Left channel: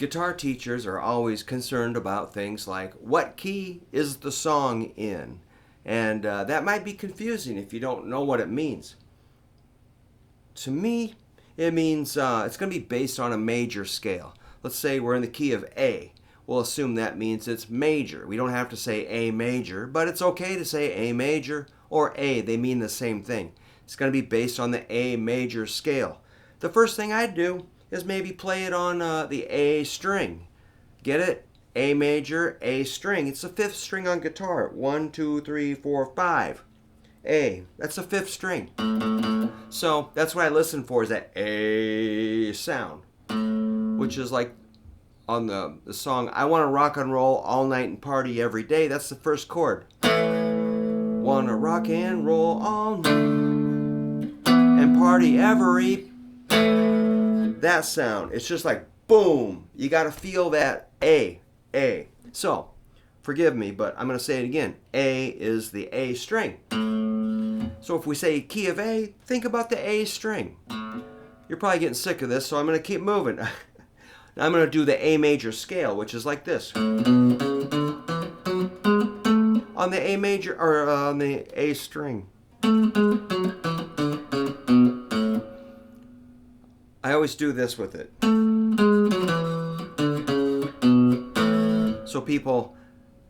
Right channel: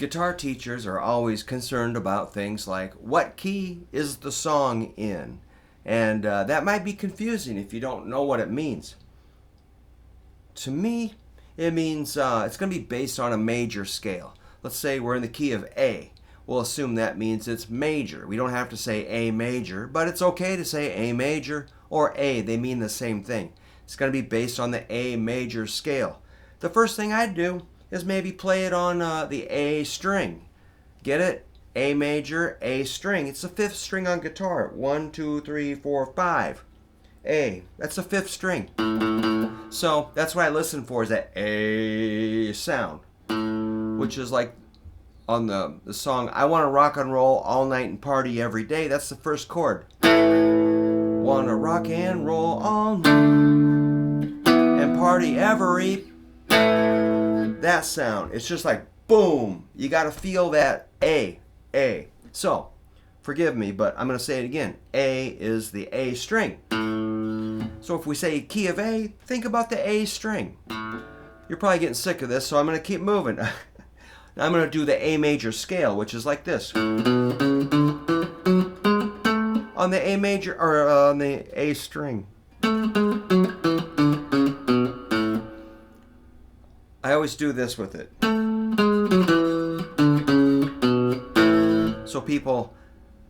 Guitar teachers are always concerned about things like what key is the song in? And that might be confusing if you don't know what it means. To me, it means it's going to be based on a major scale. Let's say we're in the key of A. We'll assume that means it's major. We don't have to say A major, but it's okay to say A major or A. They mean the same thing. It's going to be based on the A major scale. The first thing I'd do is maybe play it on the A string. Get it? A major, A string. It's the fifth string on guitar. 1, 2, 3, 4, 5. A. That's the fifth string. So that's what I listen for, is that A sound, which is like on the song I Want to Rock and Roll All Night and Party Every Day. That's the first chord. Wanna rock and roll all night and party every. That sound, it's just like boom. You got to feel that A. So, forgive me, but I'm going to say it again. A is the A string. So if we say key of A, think about the A string. You're probably getting sick of this, so I'm going to keep moving. Now I'm going to do the A major scale, which is like this. On the A major, or on the A string. I always do this with it. So people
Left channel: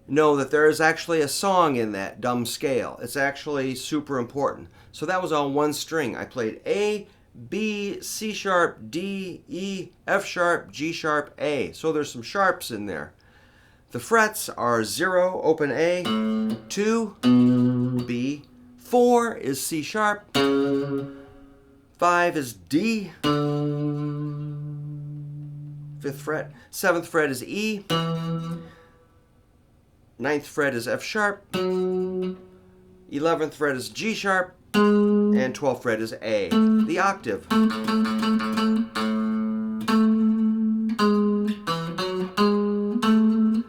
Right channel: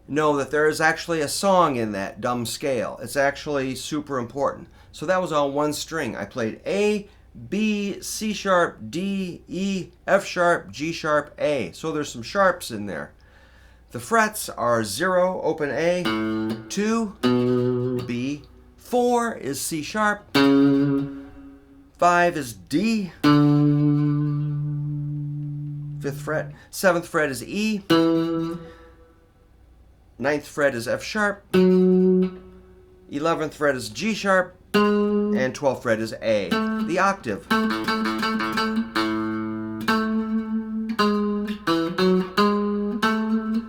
know that there is actually a song in that dumb scale. It's actually super important. So that was on one string. I played A, B, C sharp, D, E, F sharp, G sharp, A. So there's some sharps in there. The frets are 0, open A, 2, B, 4 is C sharp, 5 is D, 5th fret, 7th fret is E, 9th fret is F sharp, 11th fret is G sharp, and 12th fret is A, the octave.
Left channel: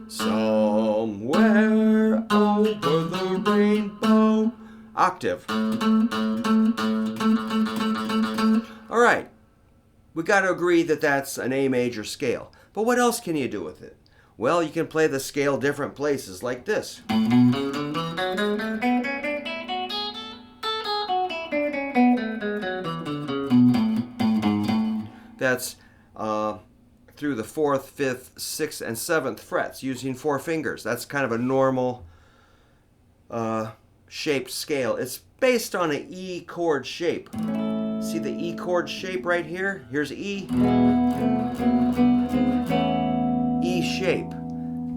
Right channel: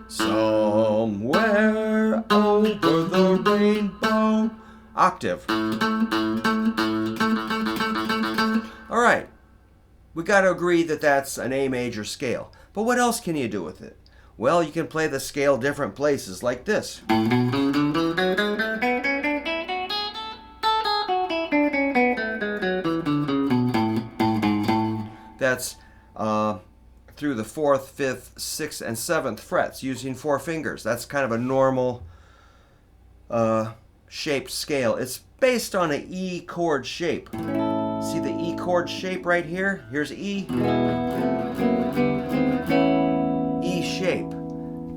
Somewhere over the rainbow, octave. All right, we got to agree that that's an A major scale. But what else can you do with it? Well, you can play the scale different places like this. That's through the 4th, 5th, 6th, and 7th frets using 4 fingers. That's kind of a normal shaped scale. It's based on an E chord shape. See the E chord shape right here? Here's E. E shape.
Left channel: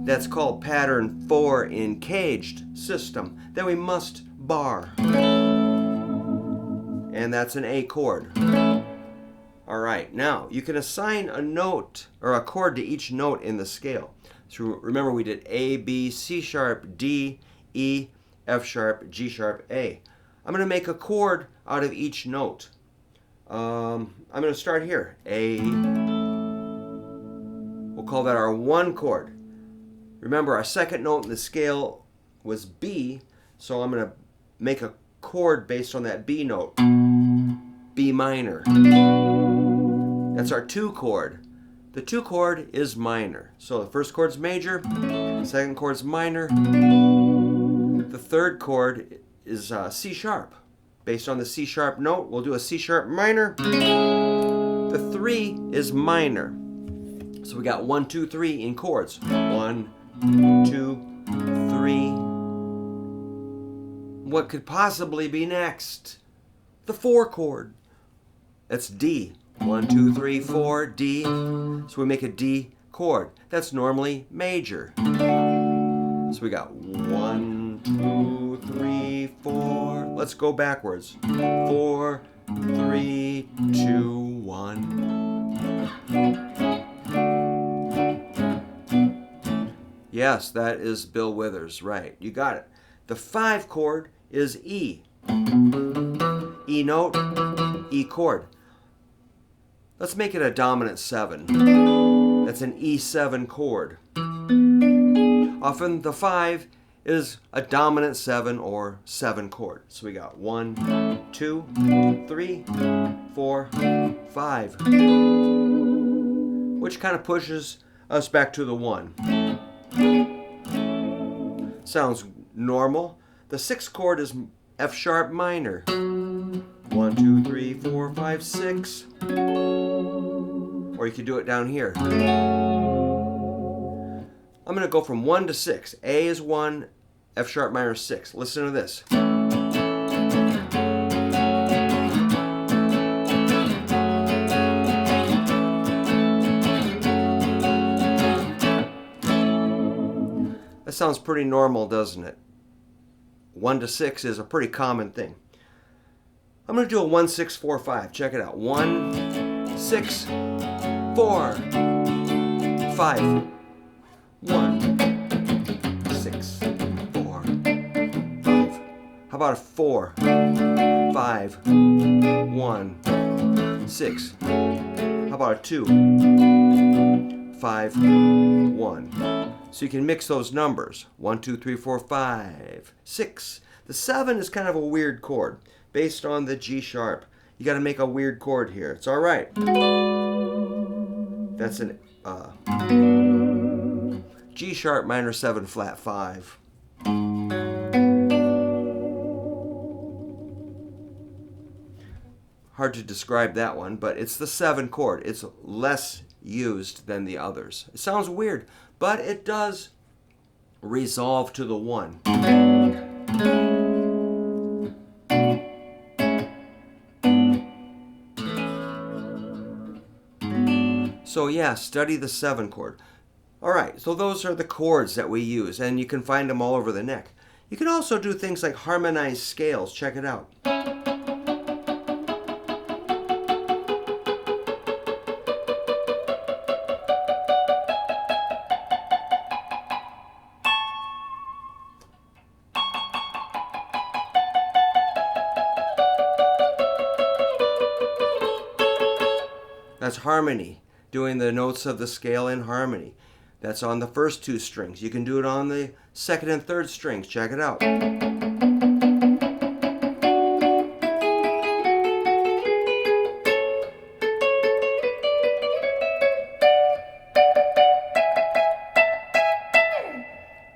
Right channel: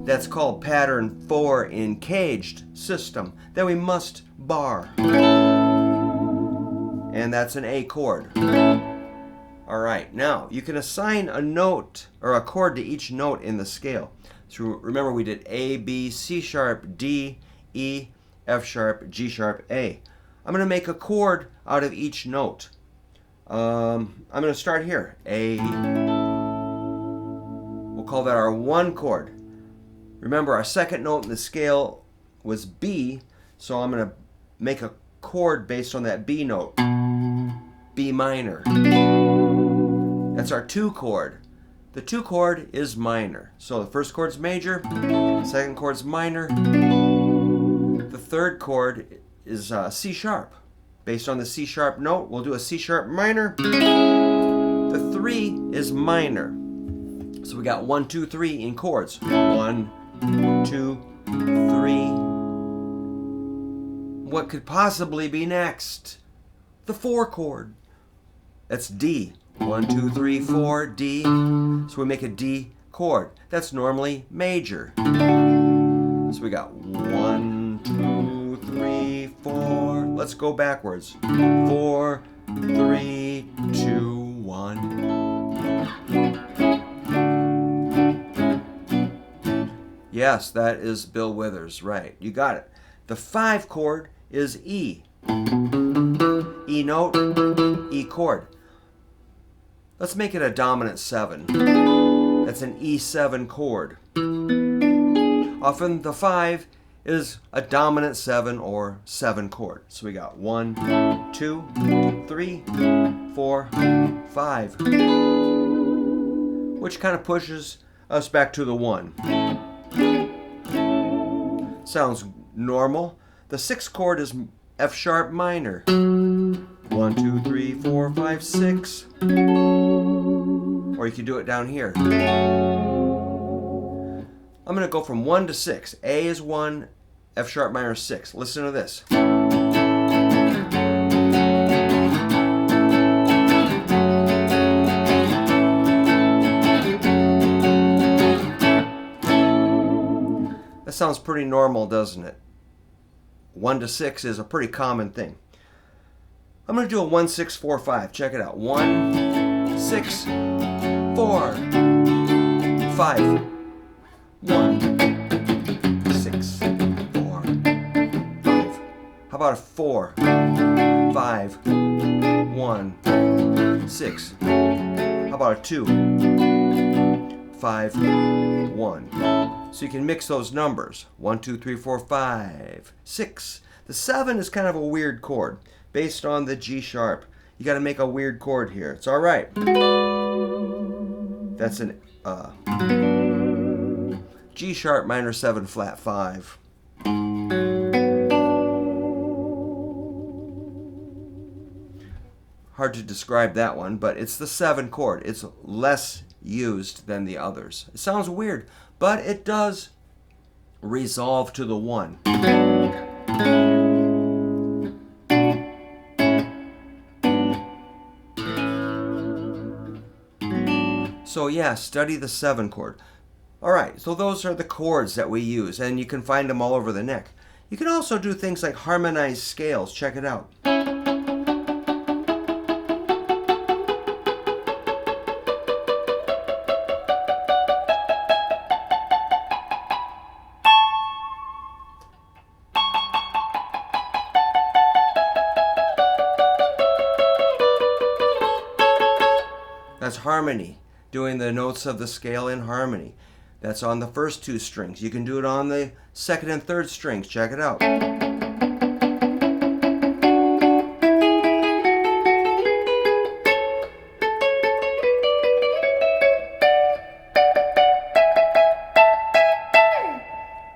That's called pattern 4 in caged system. Then we must bar. And that's an A chord. All right, now you can assign a note or a chord to each note in the scale. So remember we did A, B, C sharp, D, E, F sharp, G sharp, A. I'm going to make a chord out of each note. I'm going to start here. A. We'll call that our 1 chord. Remember our second note in the scale was B, so I'm going to make a chord based on that B note. B minor. That's our 2 chord. The 2 chord is minor. So the first chord's major, second chord's minor. The third chord is C sharp. Based on the C sharp note, we'll do a C sharp minor. The 3 is minor. So we got 1, 2, 3 in chords. 1, 2, 3. What could possibly be next? The 4 chord. That's D. 1, 2, 3, 4, D. So we make a D chord. That's normally major. So we got 1, 2, 3, 4. Let's go backwards. 4, 3, 2, 1. Yes, that is Bill Withers, right. You got it. The 5 chord is E. E note, E chord. Let's make it a dominant 7. That's an E7 chord. Often the 5 is a dominant 7 or 7 chord. So we got 1, 2, 3, 4, 5. Which kind of pushes us back to the 1. Sounds normal. The 6th chord is F sharp minor. 1, 2, 3, 4, 5, 6. Or you could do it down here. I'm going to go from 1 to 6. A is 1, F sharp minor 6. Listen to this. That sounds pretty normal, doesn't it? 1 to 6 is a pretty common thing. I'm going to do a 1, 6, 4, 5. Check it out. 1, 6, 4, 5. 1, 6, 4, 5. How about a 4, 5, 1, 6? How about a 2, 5, 1? So you can mix those numbers. 1, 2, 3, 4, 5, 6. The 7 is kind of a weird chord based on the G sharp. You got to make a weird chord here. It's all right. That's an G sharp minor 7 flat 5. Hard to describe that one, but it's the 7 chord. It's less used than the others. It sounds weird, but it does resolve to the 1. So yeah, study the 7 chord. Alright, so those are the chords that we use, and you can find them all over the neck. You can also do things like harmonize scales. Check it out. That's harmony, doing the notes of the scale in harmony. That's on the first 2 strings. You can do it on the 2nd and 3rd strings. Check it out.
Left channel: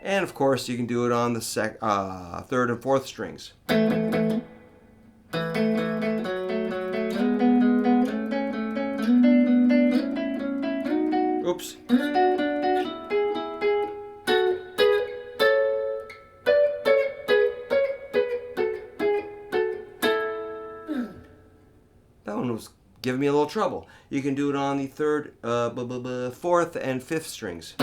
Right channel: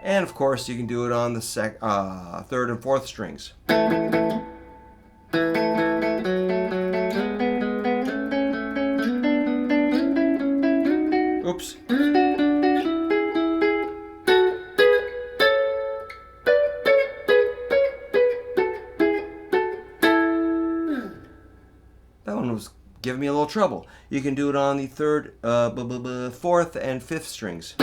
And of course, you can do it on the 3rd and 4th strings. Oops. That one was giving me a little trouble. You can do it on the 3rd, 4th, and 5th strings.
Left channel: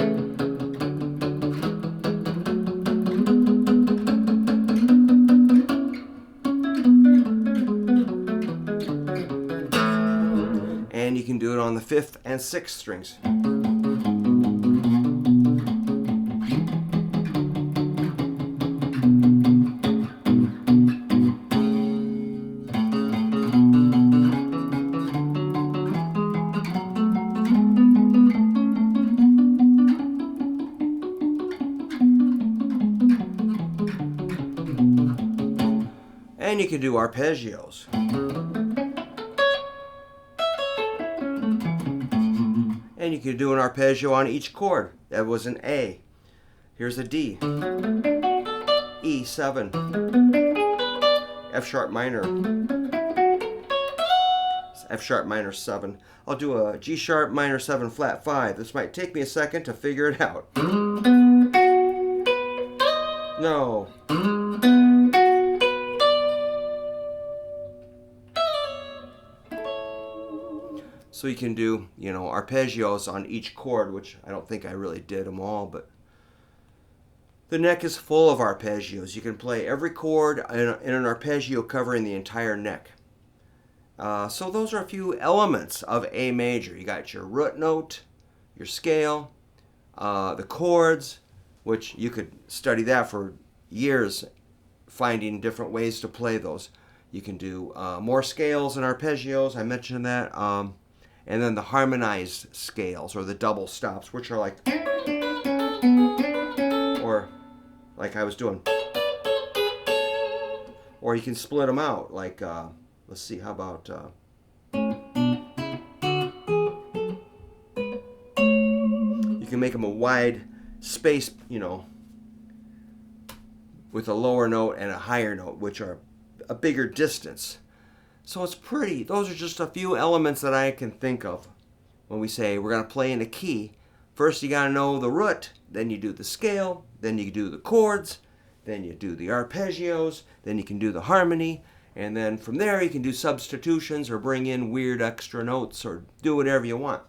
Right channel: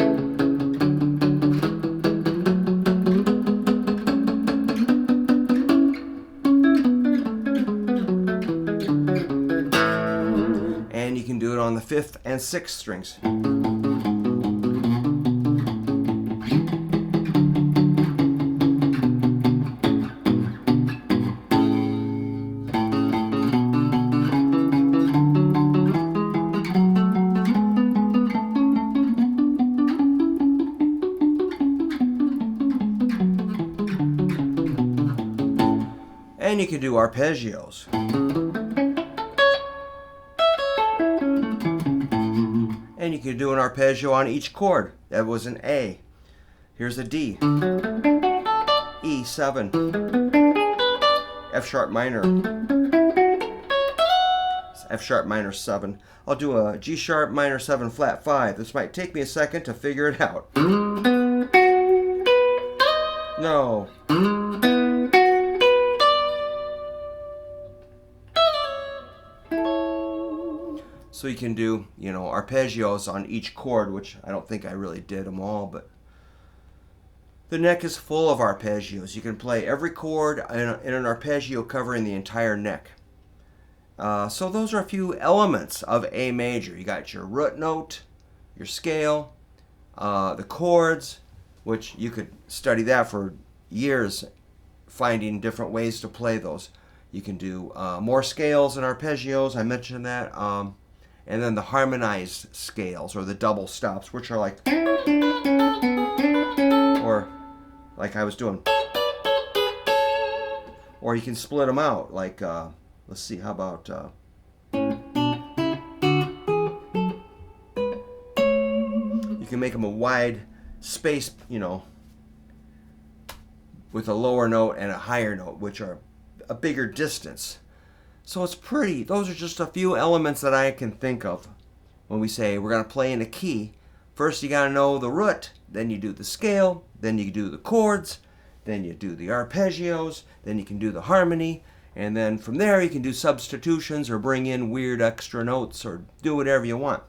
And you can do it on the 5th and 6th strings. And you can do arpeggios. And you can do an arpeggio on each chord. That was an A. Here's a D. E7. F sharp minor. F sharp minor 7. I'll do a G sharp minor 7 flat 5. This might take me a second to figure it out. No. So you can do, arpeggios on each chord, which I don't think I really did them all, but the neck is full of arpeggios. You can play every chord in an arpeggio covering the entire neck. So those are a few elements of A major. You got your root note, your scale, the chords, which you could study that for years, finding different ways to play those. You can do more scales and arpeggios. I mentioned that. And then the harmonized scales, or the double stops, which are like, or like I was doing. Or you can split them out, like, let's see, how about, you You can make them a wide space, with a lower note and a higher note, which are a bigger distance. So it's pretty. Those are just a few elements that I can think of when we say we're going to play in a key. First you got to know the root, then you do the scale, then you do the chords, then you do the arpeggios, then you can do the harmony, and then from there you can do substitutions or bring in weird extra notes or do whatever you want.